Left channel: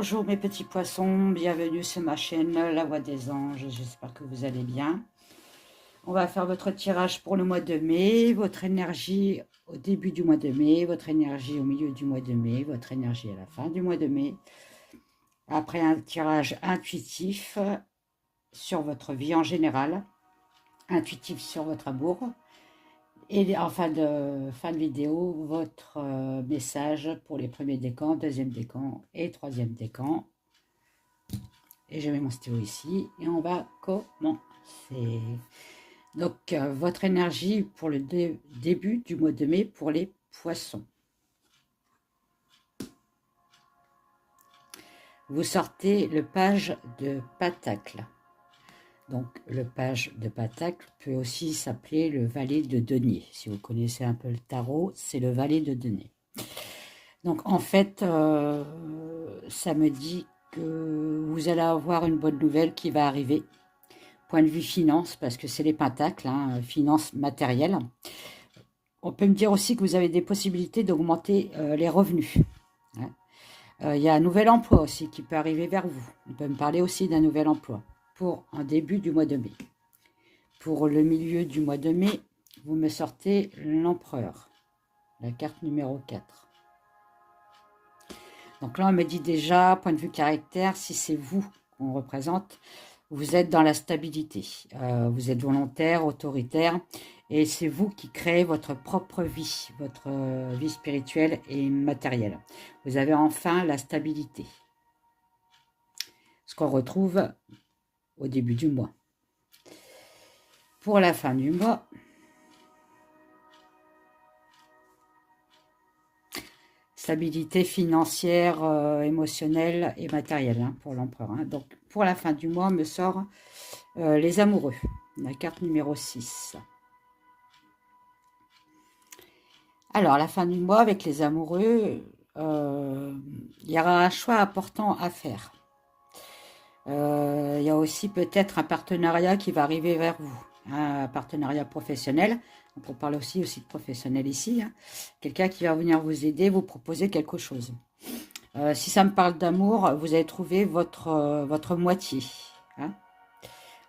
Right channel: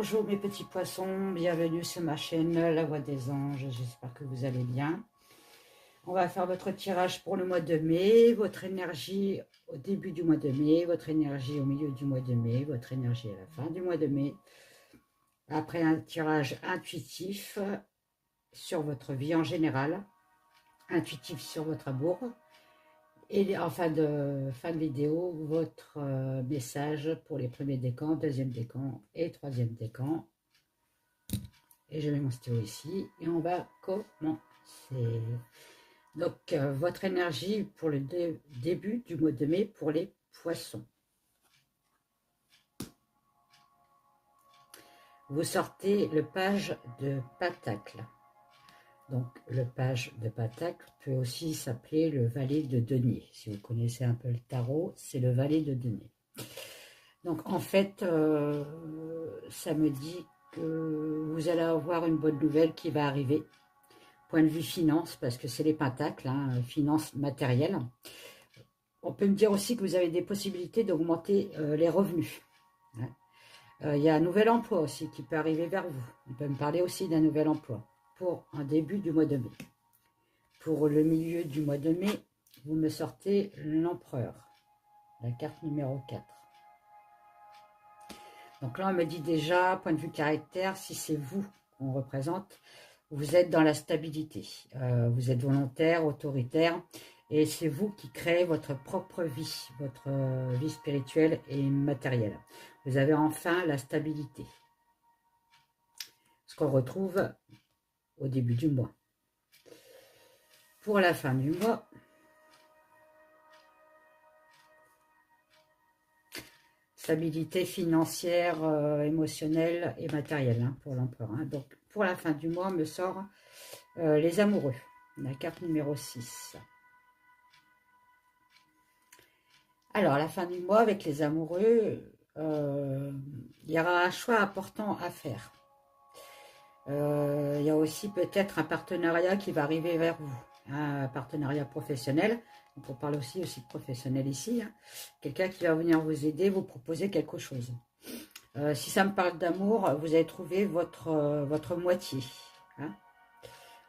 Bonjour mes petits poissons, bienvenue sur ma chaîne La Voix des Anges, j'espère que vous allez bien. On va faire votre tirage pour le mois de mai, votre énergie au début du mois de mai, votre énergie au milieu du mois de mai, votre énergie à la fin du mois de mai. Après un tirage intuitif sur votre vie en général, intuitif sur votre amour. Et en fin de vidéo, votre message pour les premiers décans, deuxième décan et troisième décan. Et je mets mon stylo ici et on va commencer. Donc, votre énergie pour le début du mois de mai pour les poissons. Vous sortez le page de Pentacle. Donc, le page de Pentacle peut aussi s'appeler le valet de denier. Si vous connaissez un peu le tarot, c'est le valet de denier. Donc, en fait, ça me dit que vous allez avoir une bonne nouvelle qui va arriver. Point de vue finance, parce que c'est les pentacles, hein, finance matérielle. On peut me dire aussi que vous avez des possibilités d'augmenter les revenus. Hein. Il y a un nouvel emploi aussi qui peut arriver vers vous. On peut me parler aussi d'un nouvel emploi pour un début du mois de mai. Pour le milieu du mois de mai, vous me sortez l'empereur, la carte numéro 4. Donc là, on me dit déjà, point de vue caractère, si c'est vous qu'on représente, vous êtes dans la stabilité. Vous êtes volontaire, autoritaire, et c'est vous qui créez votre propre vie, votre vie spirituelle et matérielle. Vous avez enfin la stabilité. Ce qu'on retrouve au début du mois. Pour la fin du mois, stabilité financière, émotionnelle et matérielle hein, pour l'empereur. Hein. Donc, pour la fin du mois, on me sort les amoureux, la carte numéro 6. Alors, la fin du mois, avec les amoureux, il y aura un choix important à faire. Il y a aussi peut-être un partenariat qui va arriver vers vous, hein, un partenariat professionnel. Donc on parle aussi de professionnel ici. Hein. Quelqu'un qui va venir vous aider, vous proposer quelque chose. Si ça me parle d'amour, vous allez trouver votre moitié. Hein.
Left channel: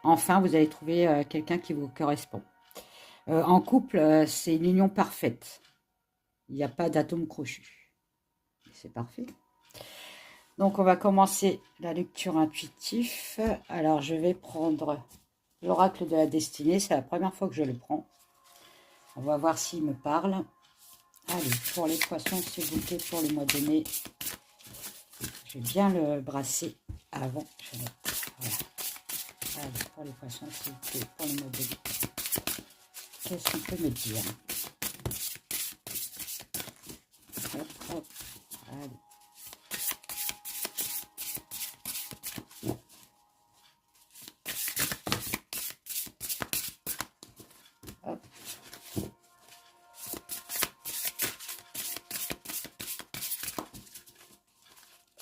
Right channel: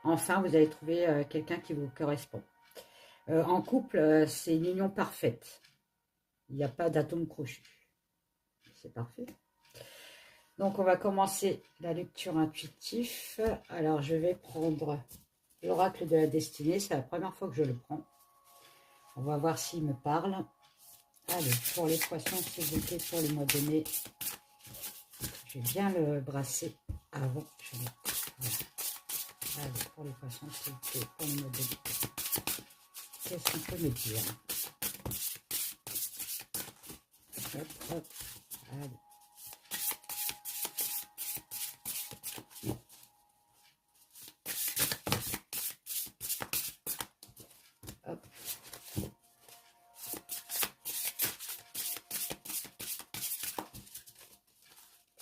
Enfin, vous allez trouver quelqu'un qui vous correspond. En couple, c'est une union parfaite. Il n'y a pas d'atome crochu. C'est parfait. Donc, on va commencer la lecture intuitive. Alors, je vais prendre l'oracle de la destinée. C'est la première fois que je le prends. On va voir s'il me parle. Allez, pour les poissons, s'il vous plaît, pour le mois de mai. Je vais bien le brasser avant. Voilà. Allez, pour les poissons, s'il vous plaît, pour le mois de mai. Qu'est-ce qu'on peut me dire? Hop, hop. Allez.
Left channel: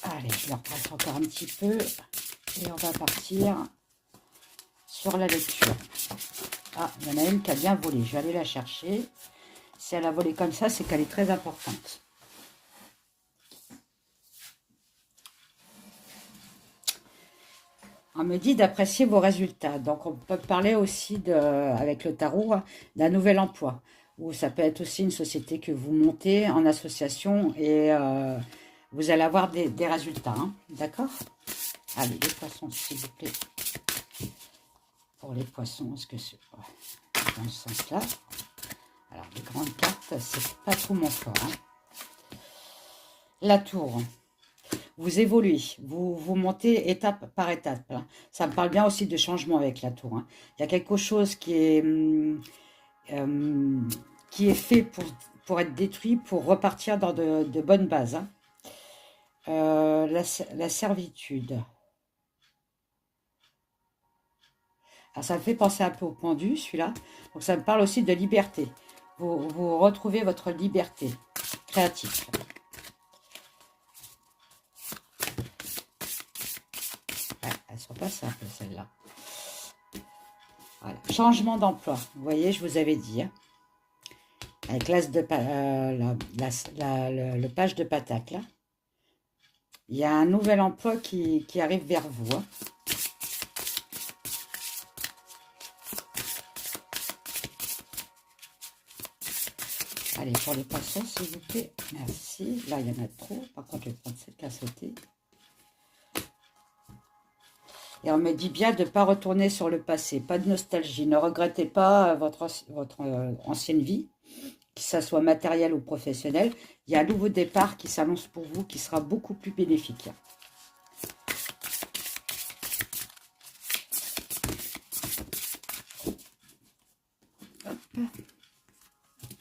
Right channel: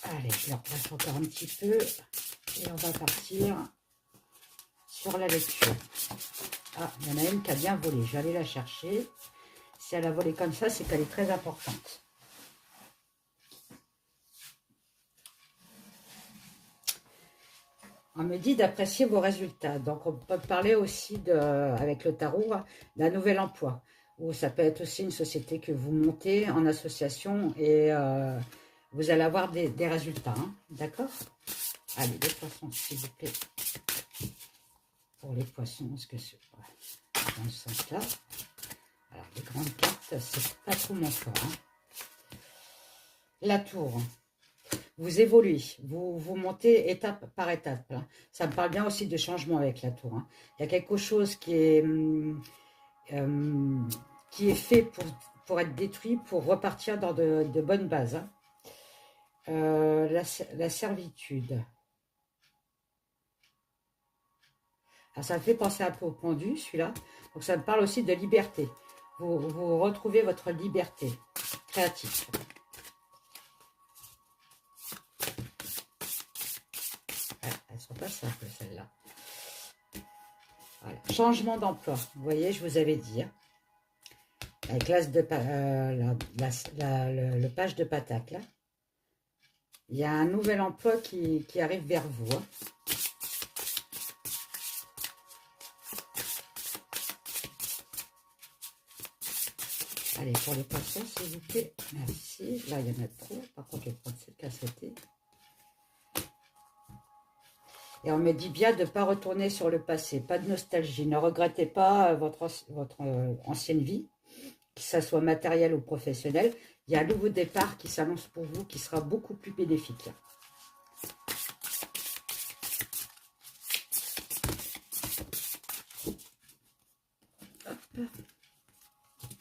Allez, je le replace encore un petit peu et on va partir sur la lecture. Ah, il y en a une qui a bien volé, je vais aller la chercher. Si elle a volé comme ça, c'est qu'elle est très importante. On me dit d'apprécier vos résultats. Donc, on peut parler aussi, avec le tarot, d'un nouvel emploi. Ou ça peut être aussi une société que vous montez en association et vous allez avoir des résultats. Hein, d'accord? Allez, les poissons, s'il vous plaît. Pour les poissons, est-ce que c'est dans ce sens-là? Alors, les grandes cartes, c'est pas trop mon fort. Hein. La tour. Vous évoluez, vous montez étape par étape. Hein. Ça me parle bien aussi de changement avec la tour. Hein. Il y a quelque chose qui est fait pour être détruit, pour repartir dans de bonnes bases. Hein. La servitude. Alors, ça me fait penser un peu au pendu, celui-là. Donc, ça me parle aussi de liberté. Vous retrouvez votre liberté créative. Elles sont pas simples, celles-là. Voilà. Changement d'emploi. Vous voyez, je vous avais dit. Hein. Avec l'as de le page de Pentacle. Il y a un nouvel emploi qui arrive vers vous. Hein. Allez, pour les poissons, s'il vous plaît. Merci. Là, il y en a trop. Par contre, je vais prendre cette à sauter. Et on me dit bien de ne pas retourner sur le passé. Pas de nostalgie. Ne regrettez pas votre ancienne vie, que ce soit matériel ou professionnel. Il y a un nouveau départ qui s'annonce pour vous, qui sera beaucoup plus bénéfique.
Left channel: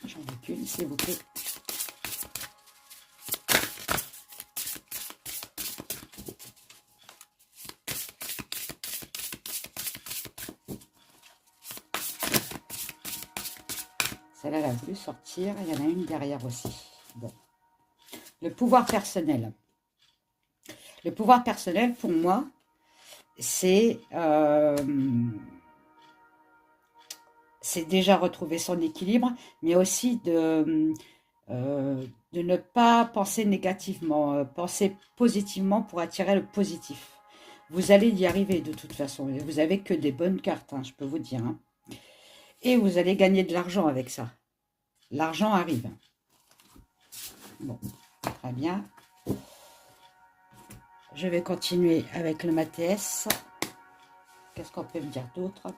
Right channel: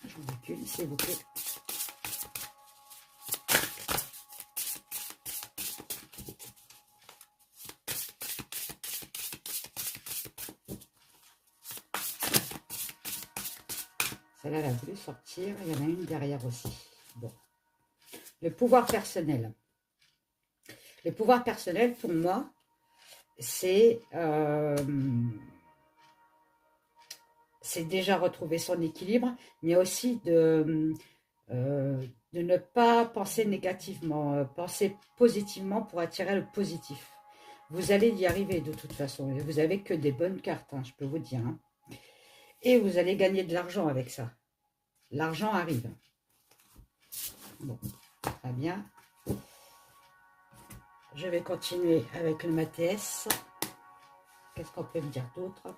J'en recule, s'il vous plaît. Celle-là, elle a voulu sortir. Il y en a une derrière aussi. Bon. Le pouvoir personnel. Le pouvoir personnel, pour moi, c'est déjà retrouver son équilibre, mais aussi de ne pas penser négativement, penser positivement pour attirer le positif. Vous allez y arriver de toute façon. Vous n'avez que des bonnes cartes, hein, je peux vous dire. Hein. Et vous allez gagner de l'argent avec ça. L'argent arrive. Bon, très bien. Je vais continuer avec le Matès. Qu'est-ce qu'on peut me dire d'autre?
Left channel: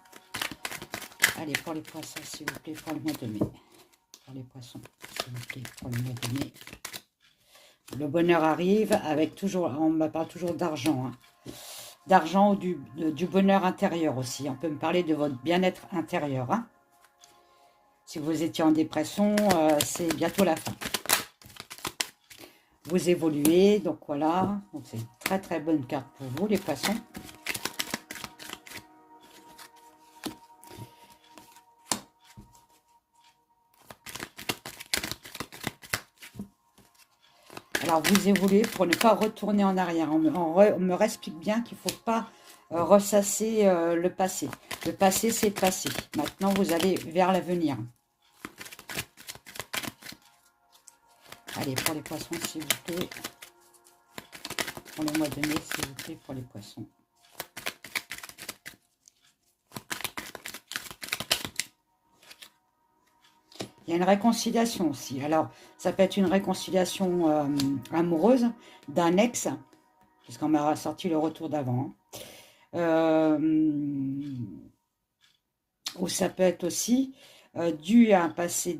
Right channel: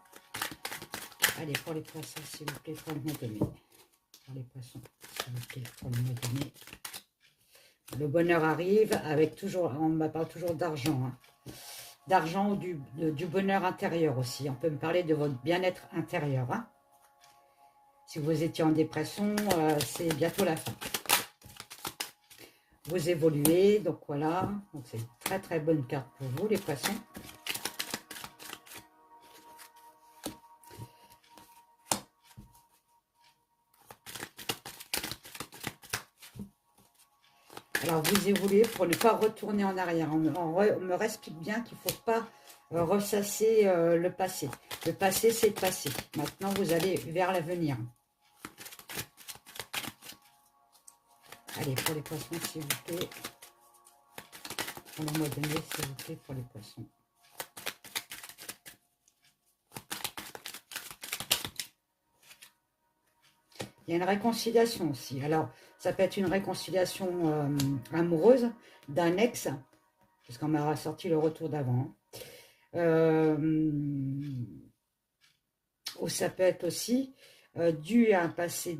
Allez, pour les poissons, s'il vous plaît, pour le mois de mai. Pour les poissons, s'il vous plaît, pour le mois de mai. Le bonheur arrive avec toujours, on me parle toujours d'argent. Hein. D'argent ou du bonheur intérieur aussi. On peut me parler de votre bien-être intérieur. Hein. Si vous étiez en dépression, c'est bientôt la fin. Vous évoluez, donc voilà. Donc c'est une très très bonne carte pour vous, les poissons. Alors vous évoluez pour ne pas retourner en arrière. On me explique bien qu'il ne faut pas ressasser le passé. Le passé, c'est le passé. Maintenant, vous allez vers l'avenir. Allez, pour les poissons, s'il vous plaît. Pour le mois de mai, s'il vous plaît, pour les poissons. Il y a une réconciliation aussi. Alors, ça peut être une réconciliation amoureuse d'un ex, parce qu'on m'a sorti le retour d'avant. Ou ça peut être aussi dû à un passé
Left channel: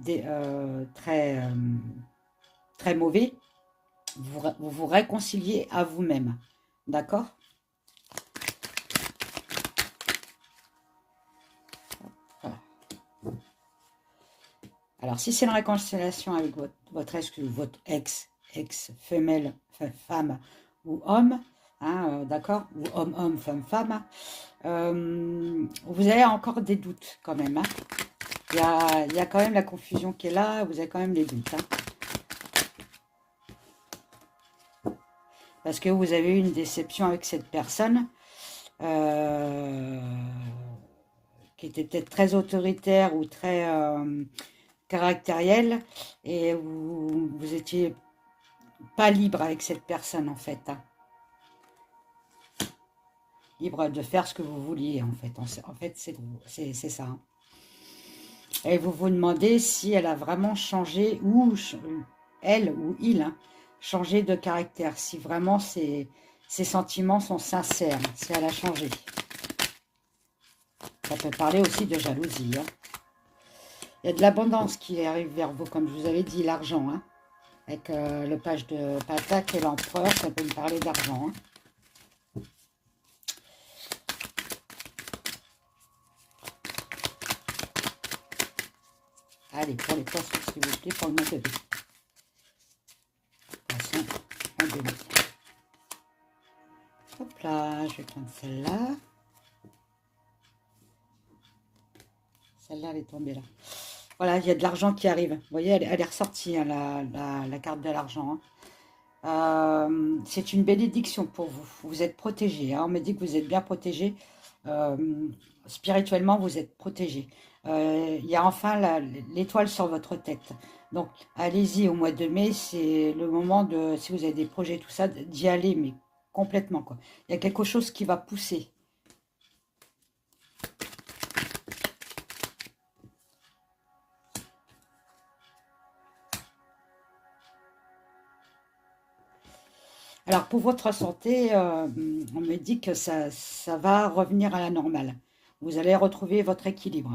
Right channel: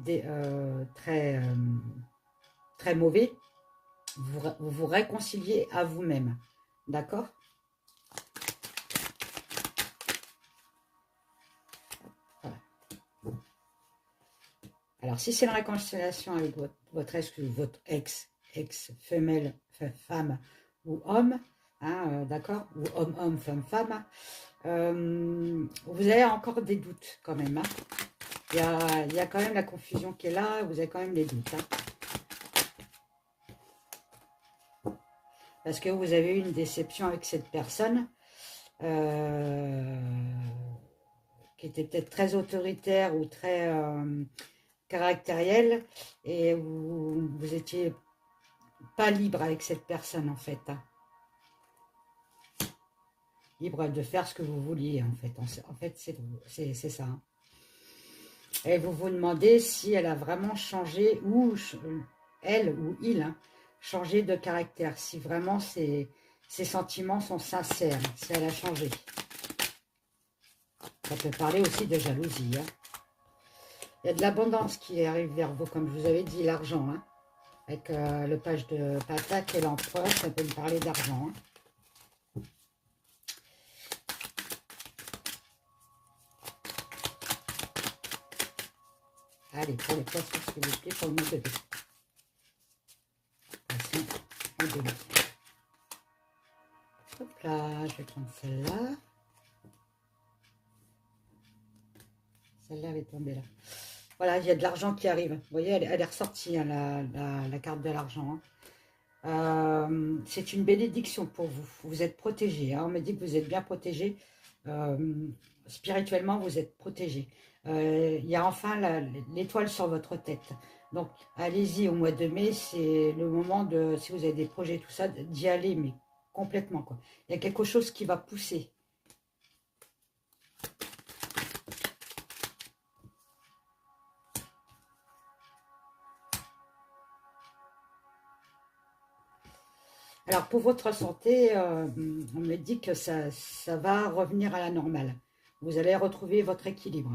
très mauvais. Vous vous réconciliez à vous-même. D'accord? Voilà. Alors, si c'est une réconciliation avec votre ex, femelle, femme ou homme, hein, d'accord? Ou homme, femme, vous avez encore des doutes quand même. Hein. Il y a quand même la confusion qui est là, vous avez quand même des doutes. Hein. Parce que vous avez eu une déception avec cette personne qui était peut-être très autoritaire ou très caractérielle et vous étiez pas libre avec cette personne en fait. Hein. Libre de faire ce que vous vouliez en fait. En fait, c'est ça. Hein. Et vous vous demandez si elle a vraiment changé ou elle ou il hein, changé de caractère. Si vraiment ses sentiments sont sincères, si elle a changé. Ça peut parler aussi de jalousie. Hein. Il y a de l'abondance qui arrive vers vous, comme je vous avais dit, l'argent. Hein. Avec le page de Pentacle et l'empereur, ça peut me parler d'argent. Hein. Allez, pour les poissons, s'il vous plaît, pour le mois de mai. Poisson, mois de mai. Hop là, je vais prendre celle-là. Celle-là, elle est tombée là. Voilà, il y a de l'argent qui arrive. Vous voyez, elle est ressortie, hein, la carte de l'argent. Hein. C'est une bénédiction pour vous. Vous êtes protégé. Hein. On me dit que vous êtes bien protégé. Spirituellement, vous êtes protégé. Il y a enfin l'étoile sur votre tête. Donc, allez-y au mois de mai, c'est le moment de, si vous avez des projets, tout ça, d'y aller, mais complètement, quoi. Il y a quelque chose qui va pousser. Alors, pour votre santé, on me dit que ça va revenir à la normale. Vous allez retrouver votre équilibre.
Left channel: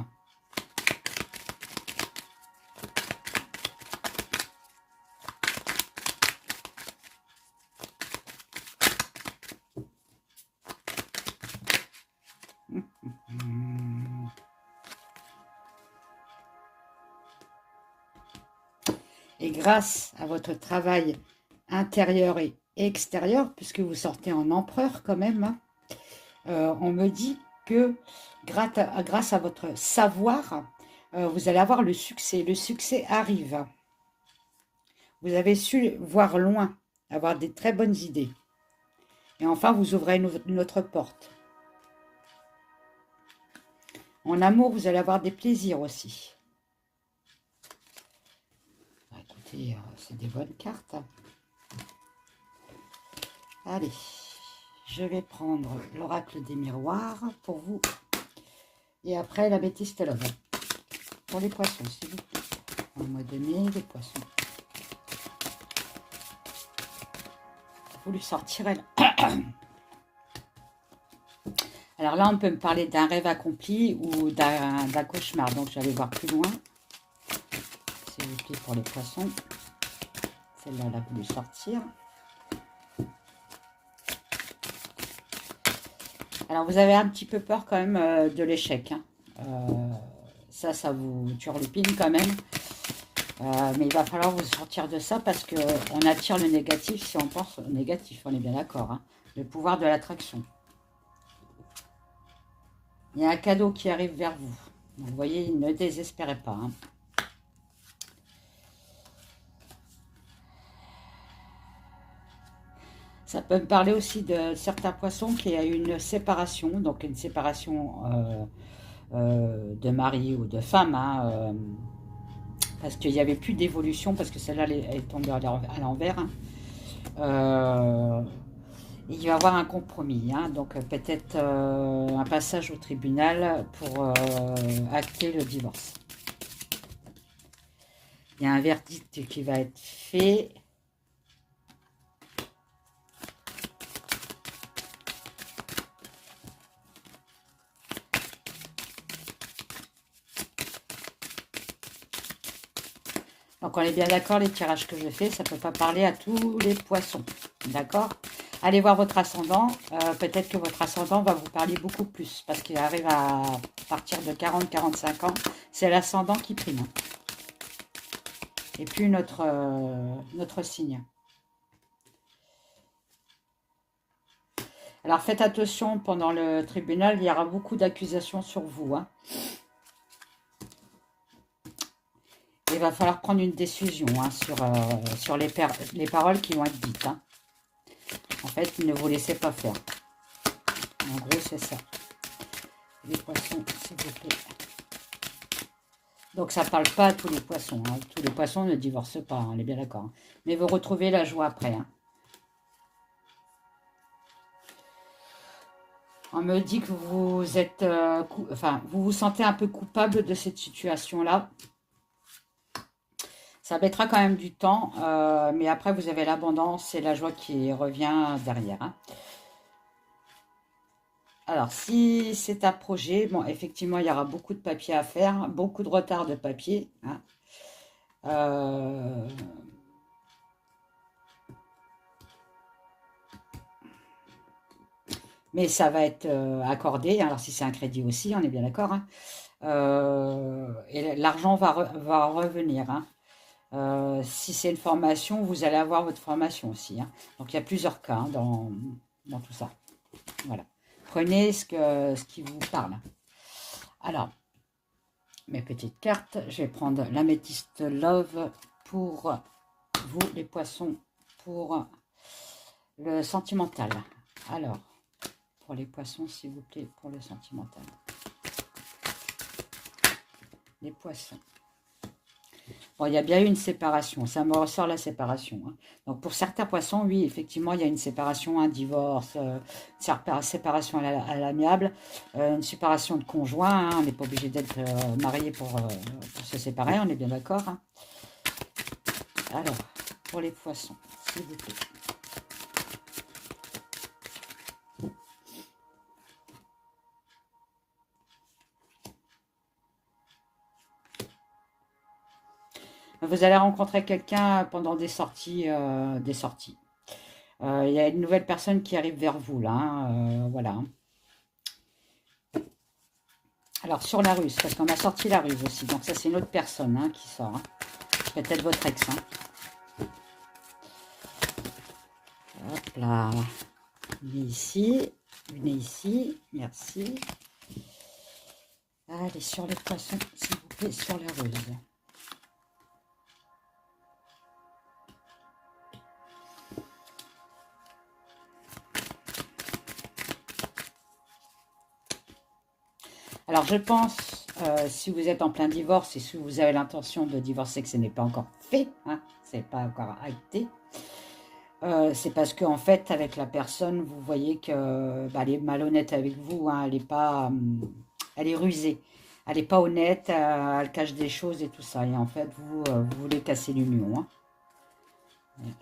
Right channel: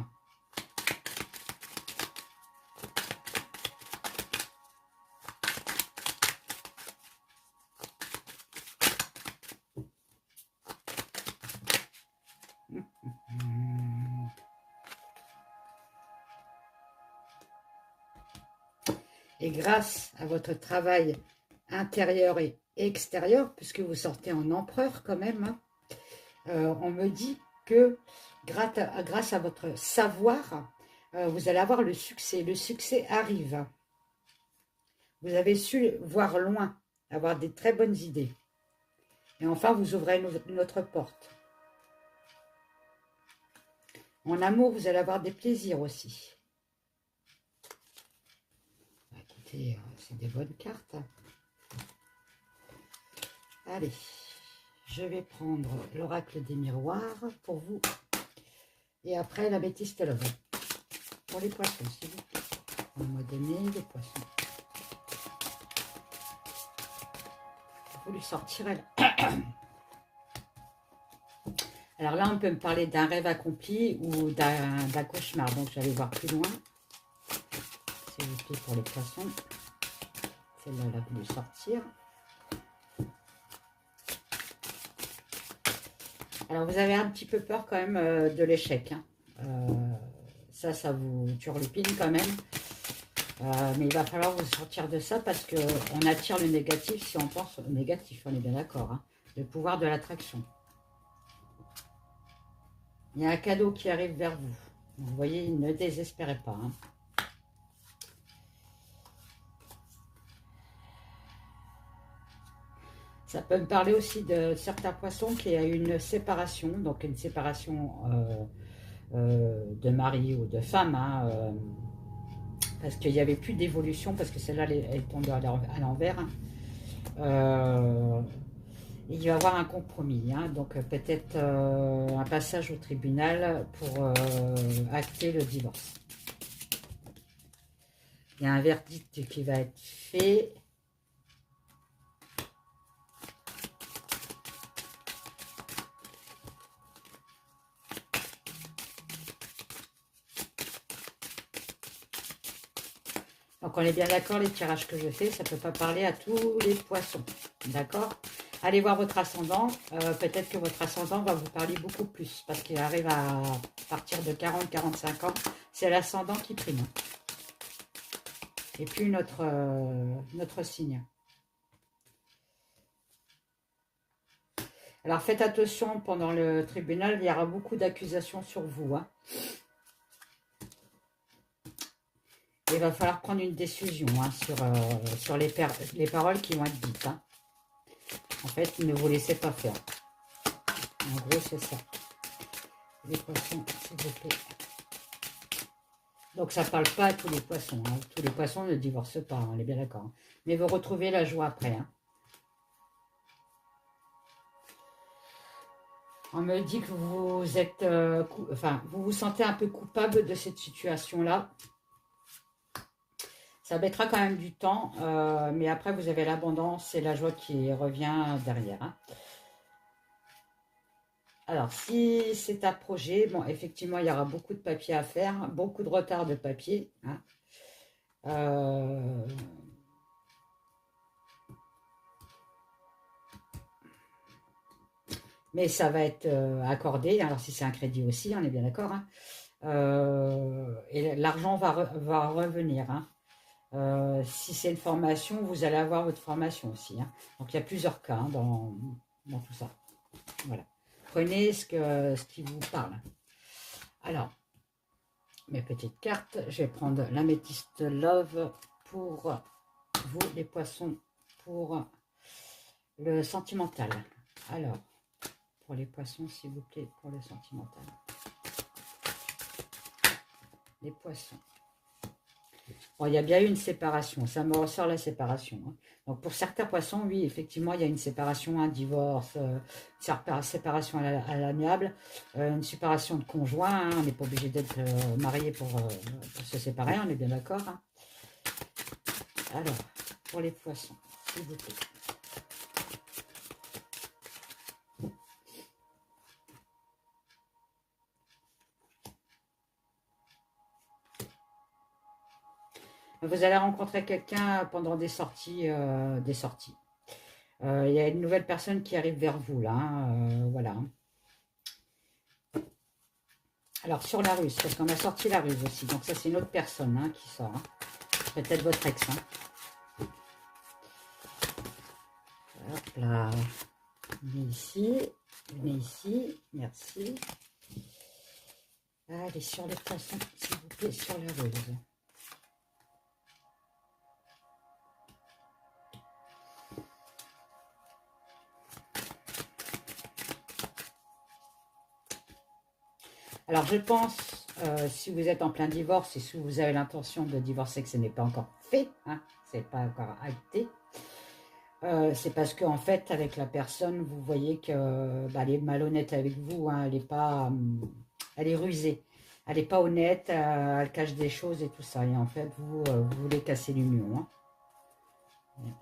Et grâce à votre travail intérieur et extérieur, puisque vous sortez en empereur quand même, hein, on me dit que grâce à votre savoir, vous allez avoir le succès. Le succès arrive. Vous avez su voir loin, avoir des très bonnes idées. Et enfin, vous ouvrez une autre porte. En amour, vous allez avoir des plaisirs aussi. Écoutez, c'est des bonnes cartes. Allez, je vais prendre l'oracle des miroirs pour vous. Et après, l'améthyste love. Pour les poissons, s'il vous plaît. Au mois de mai, les poissons. Vous lui sortirez là. Alors là, on peut me parler d'un rêve accompli ou d'un cauchemar. Donc, je vais aller voir plus loin. S'il vous plaît, pour les poissons. Celle-là, elle a voulu sortir. Alors, vous avez un petit peu peur quand même de l'échec. Hein. Ça vous turlupine quand même. Mais il va falloir vous sortir de ça parce qu'on attire le négatif si on pense au négatif. On est bien d'accord. Hein. Le pouvoir de l'attraction. Il y a un cadeau qui arrive vers vous. Vous voyez, ne désespérez pas. Hein. Ça peut me parler aussi de certains poissons qui a eu une séparation, donc une séparation de mari ou de femme, hein, parce qu'il n'y avait plus d'évolution, parce que celle-là, elle est tombée à l'envers. Hein. Il va y avoir un compromis, hein, donc peut-être un passage au tribunal pour acter le divorce. Il y a un verdict qui va être fait. Donc on est bien d'accord, les tirages que je fais, ça ne peut pas parler à tous les poissons. D'accord? Allez voir votre ascendant. Peut-être que votre ascendant va vous parler beaucoup plus. Parce qu'il arrive à partir de 40-45 ans. C'est l'ascendant qui prime. Et puis notre signe. Alors faites attention, pendant le tribunal, il y aura beaucoup d'accusations sur vous. Hein. Il va falloir prendre une décision hein, sur les paroles qui vont être dites. Hein. En fait, ne vous laissez pas faire. En gros, c'est ça. Les poissons, s'il vous plaît. Donc, ça ne parle pas à tous les poissons. Hein. Tous les poissons ne divorcent pas, hein, on est bien d'accord. Hein. Mais vous retrouvez la joie après. Hein. On me dit que vous êtes... vous vous sentez un peu coupable de cette situation-là. Ça mettra quand même du temps, mais après, vous avez l'abondance et la joie qui revient derrière. Hein. Alors, si c'est un projet, bon, effectivement, il y aura beaucoup de papier à faire, beaucoup de retard de papier. Hein. Mais ça va être accordé. Alors, si c'est un crédit aussi, on est bien d'accord. Hein. Et l'argent va revenir. Hein. Si c'est une formation, vous allez avoir votre formation aussi. Hein. Donc, il y a plusieurs cas hein, dans tout ça. Voilà. Prenez ce qui vous parle. Alors, mes petites cartes. Je vais prendre l'améthyste love pour vous, les poissons, pour le sentimental. Alors, pour les poissons, s'il vous plaît, pour le sentimental. Les poissons. Bon, il y a bien eu une séparation, ça me ressort la séparation. Hein. Donc pour certains poissons, oui, effectivement, il y a une séparation, un divorce, séparation à l'amiable, une séparation de conjoint. Hein. On n'est pas obligé d'être marié pour se séparer, on est bien d'accord. Hein. Alors, pour les poissons, s'il vous plaît. Vous allez rencontrer quelqu'un pendant des sorties. Il y a une nouvelle personne qui arrive vers vous, là. Hein, voilà. Alors, sur la ruse, parce qu'on a sorti la ruse aussi. Donc, ça, c'est une autre personne hein, qui sort. Hein. Peut-être votre ex. Hein. Hop là. Venez ici. Venez ici. Merci. Allez, sur les poissons, s'il vous plaît, sur la ruse. Alors, je pense, si vous êtes en plein divorce et si vous avez l'intention de divorcer, que ce n'est pas encore fait, hein, ce n'est pas encore acté, c'est parce qu'en fait, avec la personne, vous voyez qu'elle est malhonnête avec vous, hein, elle est pas, elle est rusée, elle n'est pas honnête, elle cache des choses et tout ça. Et en fait, vous voulez casser l'union. Hein.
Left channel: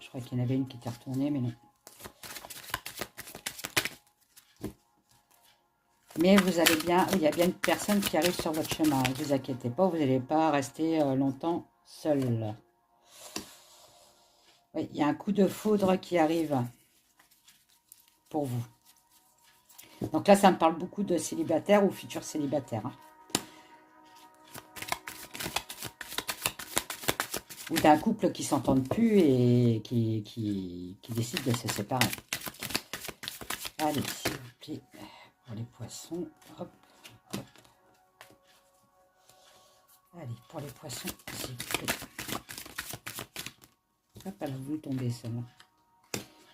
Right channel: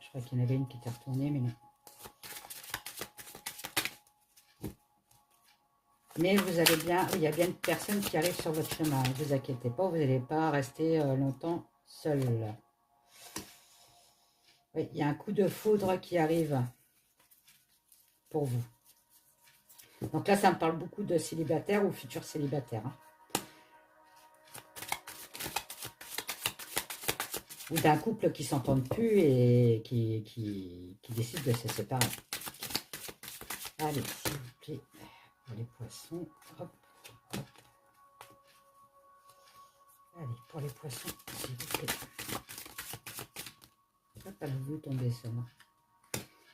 Je crois qu'il y en avait une qui était retournée, mais non. Mais vous allez bien, il y a bien une personne qui arrive sur votre chemin. Ne vous inquiétez pas, vous n'allez pas rester longtemps seul. Oui, il y a un coup de foudre qui arrive pour vous. Donc là, ça me parle beaucoup de célibataires ou futurs célibataires. Hein. Ou d'un couple qui ne s'entende plus et qui décide de se séparer. Allez, s'il vous plaît. Les poissons, hop, hop. Allez, pour les poissons, s'il vous plaît. Hop, elle a voulu tomber celle-là.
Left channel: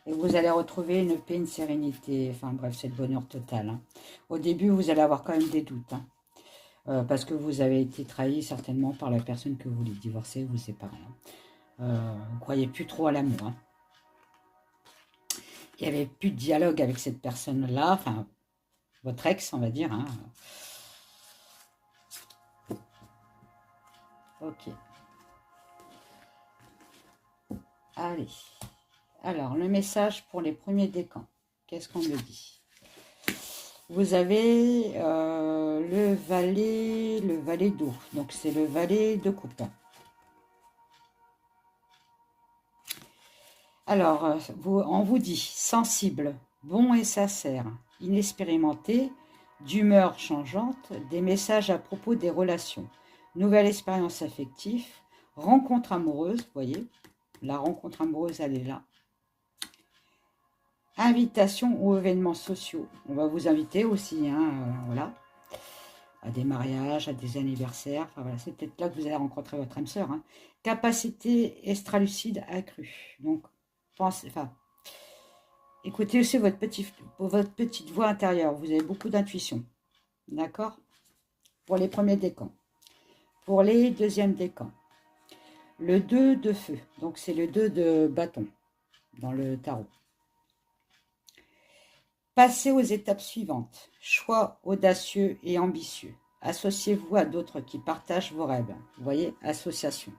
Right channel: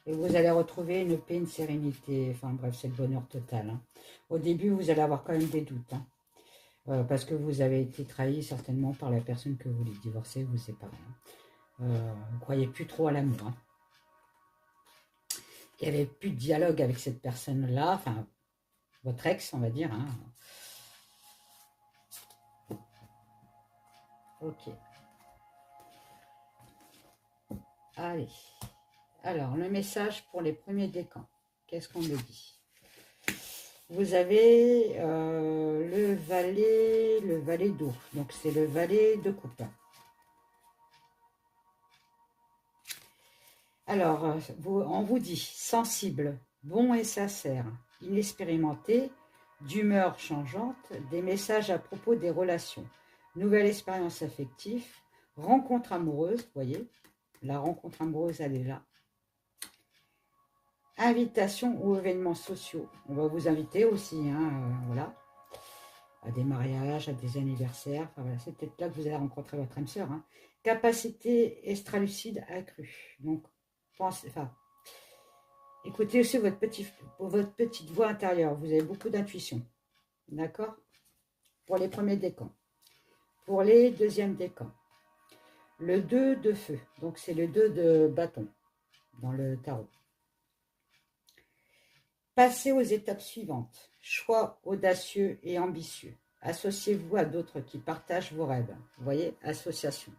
Et vous allez retrouver une paix, une sérénité. Enfin bref, c'est le bonheur total. Hein. Au début, vous allez avoir quand même des doutes. Hein. Parce que vous avez été trahi certainement par la personne que vous voulez divorcer, vous séparer. Hein. Vous ne croyez plus trop à l'amour. Hein. Il n'y avait plus de dialogue avec cette personne-là. Enfin, votre ex, on va dire. Hein. Ok. Allez. Alors, le message pour les premiers décans. Qu'est-ce qu'on me dit? Vous avez le valet d'eau. Donc, c'est le valet de coupe. Alors, on vous dit sensible, bon et sincère, inexpérimenté, d'humeur changeante, des messages à propos des relations, nouvelle expérience affective, rencontre amoureuse, vous voyez, la rencontre amoureuse, elle est là. Invitation aux événements sociaux. On va vous inviter aussi, hein, voilà, à des mariages, à des anniversaires. Enfin, voilà, c'est peut-être là que vous allez rencontrer votre âme sœur. Hein. Capacité extralucide accrue. Donc, pensez, enfin, écoutez aussi votre petite voix intérieure. Vous avez beaucoup d'intuition. D'accord? Pour les premiers décans. Pour les deuxièmes décans. Le 2 de feu. Donc, c'est le 2 de bâton dans le tarot. Passez aux étapes suivantes. Choix audacieux et ambitieux. Associez-vous à d'autres qui partagent vos rêves. Vous voyez, association.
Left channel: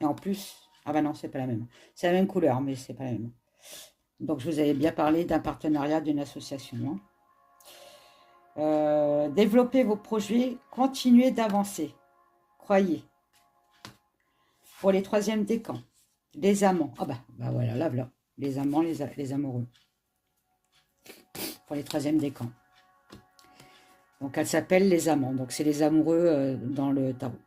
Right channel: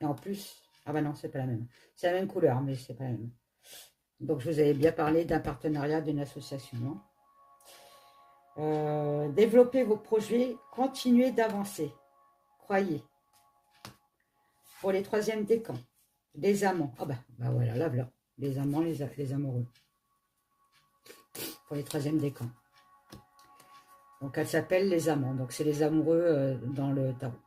Et en plus, ah ben non, c'est pas la même. C'est la même couleur, mais c'est pas la même. Donc, je vous avais bien parlé d'un partenariat, d'une association. Hein. Développez vos projets, continuez d'avancer. Croyez. Pour les troisièmes décans, les amants. Ah ben voilà, là, voilà. Les amants, les amoureux. Pour les troisièmes décans. Donc, elle s'appelle les amants. Donc, c'est les amoureux dans le tarot.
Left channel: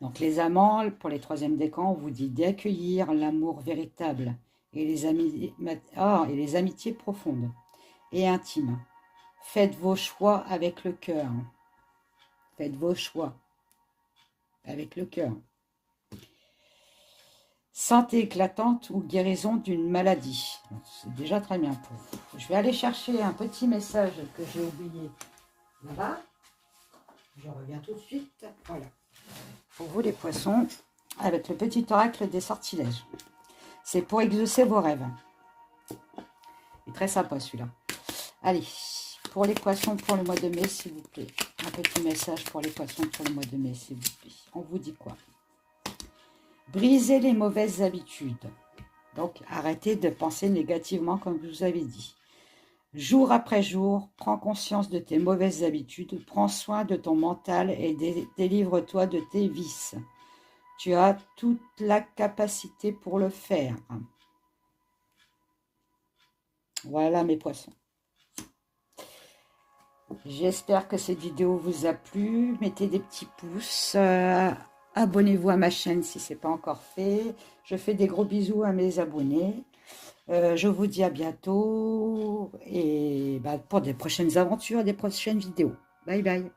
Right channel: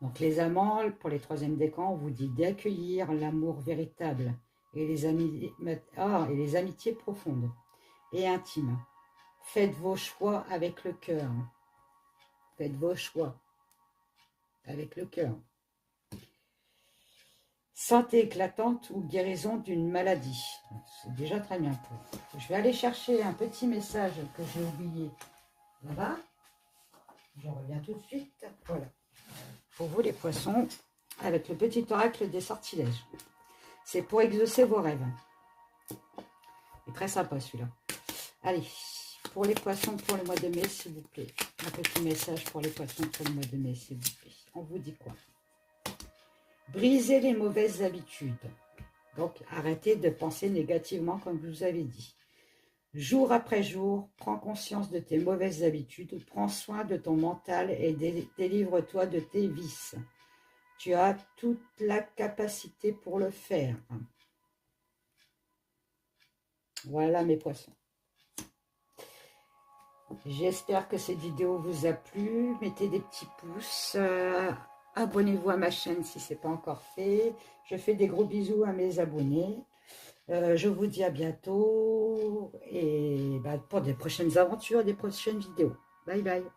Donc, les amants, pour les troisièmes décans, on vous dit d'accueillir l'amour véritable et les amitiés profondes et intimes. Faites vos choix avec le cœur. Faites vos choix avec le cœur. Santé éclatante ou guérison d'une maladie. C'est déjà très bien pour vous. Je vais aller chercher un petit message que j'ai oublié là-bas. Je reviens tout de suite. Voilà. pour vous les poissons, avec le petit oracle des sortilèges. C'est pour exaucer vos rêves. Il est très sympa celui-là. Allez, pour les poissons pour le mois de mai, s'il vous plaît. Un petit message pour les poissons pour le mois de mai, s'il vous plaît. On vous dit quoi? Brisez les mauvaises habitudes. Donc, arrêtez de penser négativement comme je vous avais dit. Jour après jour, prends conscience de tes mauvaises habitudes, prends soin de ton mental et délivre-toi de tes vices. Tu as toute la capacité pour le faire. Voilà mes poissons. J'espère que cette vidéo vous a plu. Mettez des petits pouces. Abonnez-vous à ma chaîne si ce n'est pas encore fait. Je fais des gros bisous à mes abonnés. Je vous dis à bientôt et pour des prochaines aventures, des prochaines vidéos. Bye bye.